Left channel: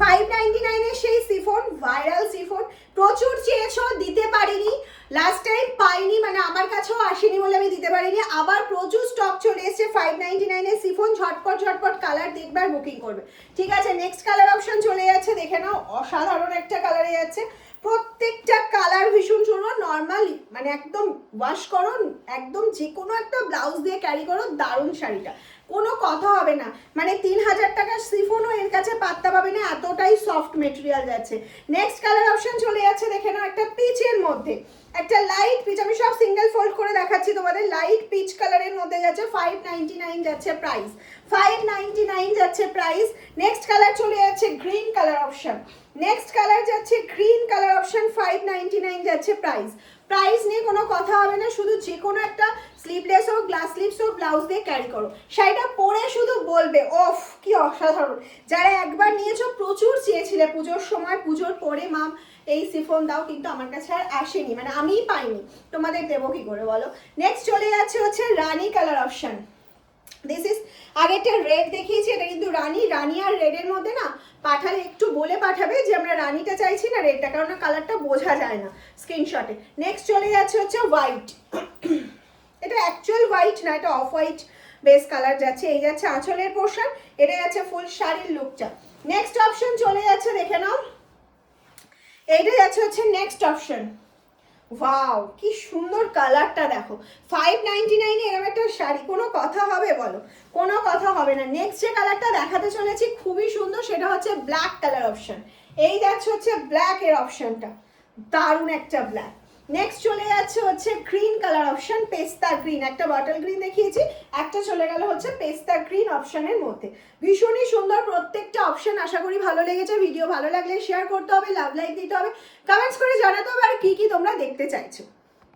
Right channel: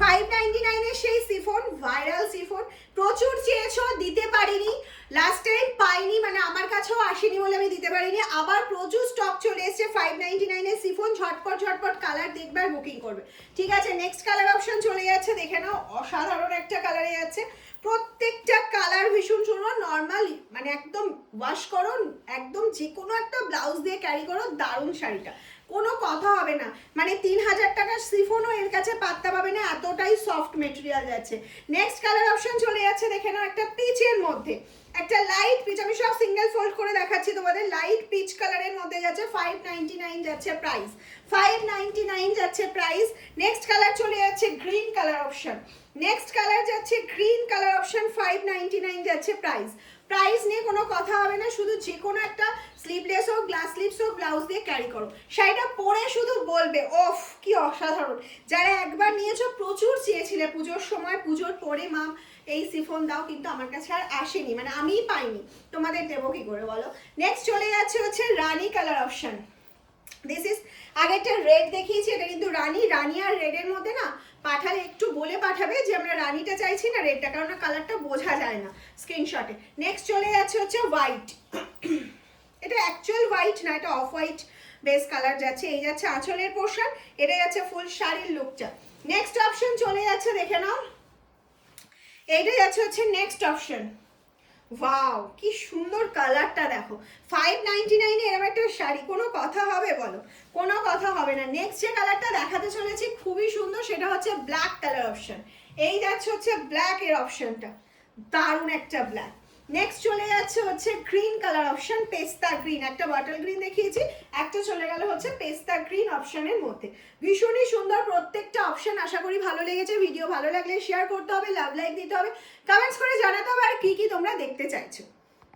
599 এর সেই chiffon, viral chiffon, প্রচুর চেয়েছো, দিতে পারিনি লাস্ট টাইম, পাইনি, মানে আমার কাছেও আসেনি বলে আমি দিতে পারিনি। আবার প্রচুর স্টক চলে এসেছে 599 এর সিফন, ঝটপট ঝটপট কালার দেখবে আর বুকিং করবে। ঠিক আছে, নেক্সট কালার অপশন চলে যাচ্ছে, দেখে নাও, অসাধারণ একটা কালারে যাচ্ছে। প্রত্যেকটা কালার ভীষণ সুন্দর, নর্মাল, মানে একদম ওয়াশ করো, একদম যে কোনো একটা ব্লাউজ দিয়ে ক্যারি করো, দারুণ শাড়িটা, কোনো কথা হবে না। মানে 3000 টাকার সিফনও এর কাছে পাত্তা পাবে না, এতটাই সফট মেটেরিয়াল যাচ্ছে। নেক্সট কালার অপশন চলে যাচ্ছে, দেখে নাও, একটা পিচের মধ্যে, একটা লাইট পিচ, আমি সব সিঙ্গেল ফোল্ড করে দেখাচ্ছি তোমাদের, লাইট পিচ কালারের মধ্যে যাচ্ছে, 599 যাচ্ছে প্রাইস, 599 যাচ্ছে প্রাইস। নেক্সট কালার চলে যাচ্ছে green colour option, next colour যাচ্ছে গ্রিন কালার অপশন, 599 যাচ্ছে প্রাইস। প্রাইস নিয়ে কোনো কথা হবে না, শুধু যে কোনো একটা স্লিভলেস হোক, গ্লাস স্লিভস হোক, ব্লাউজ দিয়ে ক্যারি করো, শাড়িটা পরে শুধু বলবে ওফ কি অসাধারণ। যারা একবার নিয়েছো প্রচুর চেয়েছিলে পুজোর সময়, পুজোর পরে মাম এই সিফন দাও, কিন্তু আমার কাছে আর আসেনি, মানে আমিই পাইনি, তোমাদের দেবো কি করে বলো। নেক্সট চলে যাচ্ছে হচ্ছে রানী কালার অপশন, দিস ইজ, আগেরটা রেড দেখিয়েছি, এটা কিন্তু রানী, রানী আর রেডের মধ্যে না পাঠালে একটু বলে পাঠাবে যে আমরা রানীটা চাইছি না রেডটা, কারণ কালারটা বোঝা যায় না স্ক্রিনশটে। নেক্সট চলে যাচ্ছে হচ্ছে হোয়াইট, এটা অ্যাকচুয়াল হোয়াইট না, এটা অফ হোয়াইট বেস কালার যাচ্ছে, এই যাচ্ছে আঁচলের পোর্শন, এটা যাচ্ছে ফুল শাড়ির লুকটা। নেক্সট অপশন চলে যাচ্ছে, দেখে নাও, এইটা যাচ্ছে হচ্ছে নেক্সট অপশন, ওয়াও কি সুন্দর কালারটা দেখো, 599 এ এরকম একটা শাড়ি, কোনো কথা হবে বলো, কোনো কথা হবে না। নেক্সট যে কালারটা দেখাতে চলেছি খুবই সুন্দর, সেটা হচ্ছে ব্ল্যাক কালার অপশন, এই যাচ্ছে হচ্ছে ব্ল্যাক এর অপশনটা, দারুণ একটা ব্ল্যাক। নেক্সট চলে যাচ্ছে হচ্ছে গ্রিন কালার অপশন, পেস্তা গ্রিন, একটা বটল গ্রিন দেখিয়েছি, একটা চলে গেল হচ্ছে পেস্তা গ্রিন অপশনের মধ্যে, ভীষণই সুন্দর প্রত্যেকটা অপশন। আশা করি ভালো লেগেছে, ভিডিও ভালো লাগলে শেয়ার করতে হবে, লাভ লাইক দিতে হবে, কমেন্টস করে জানাতে হবে আর কি কি তোমরা দেখতে চাইছো।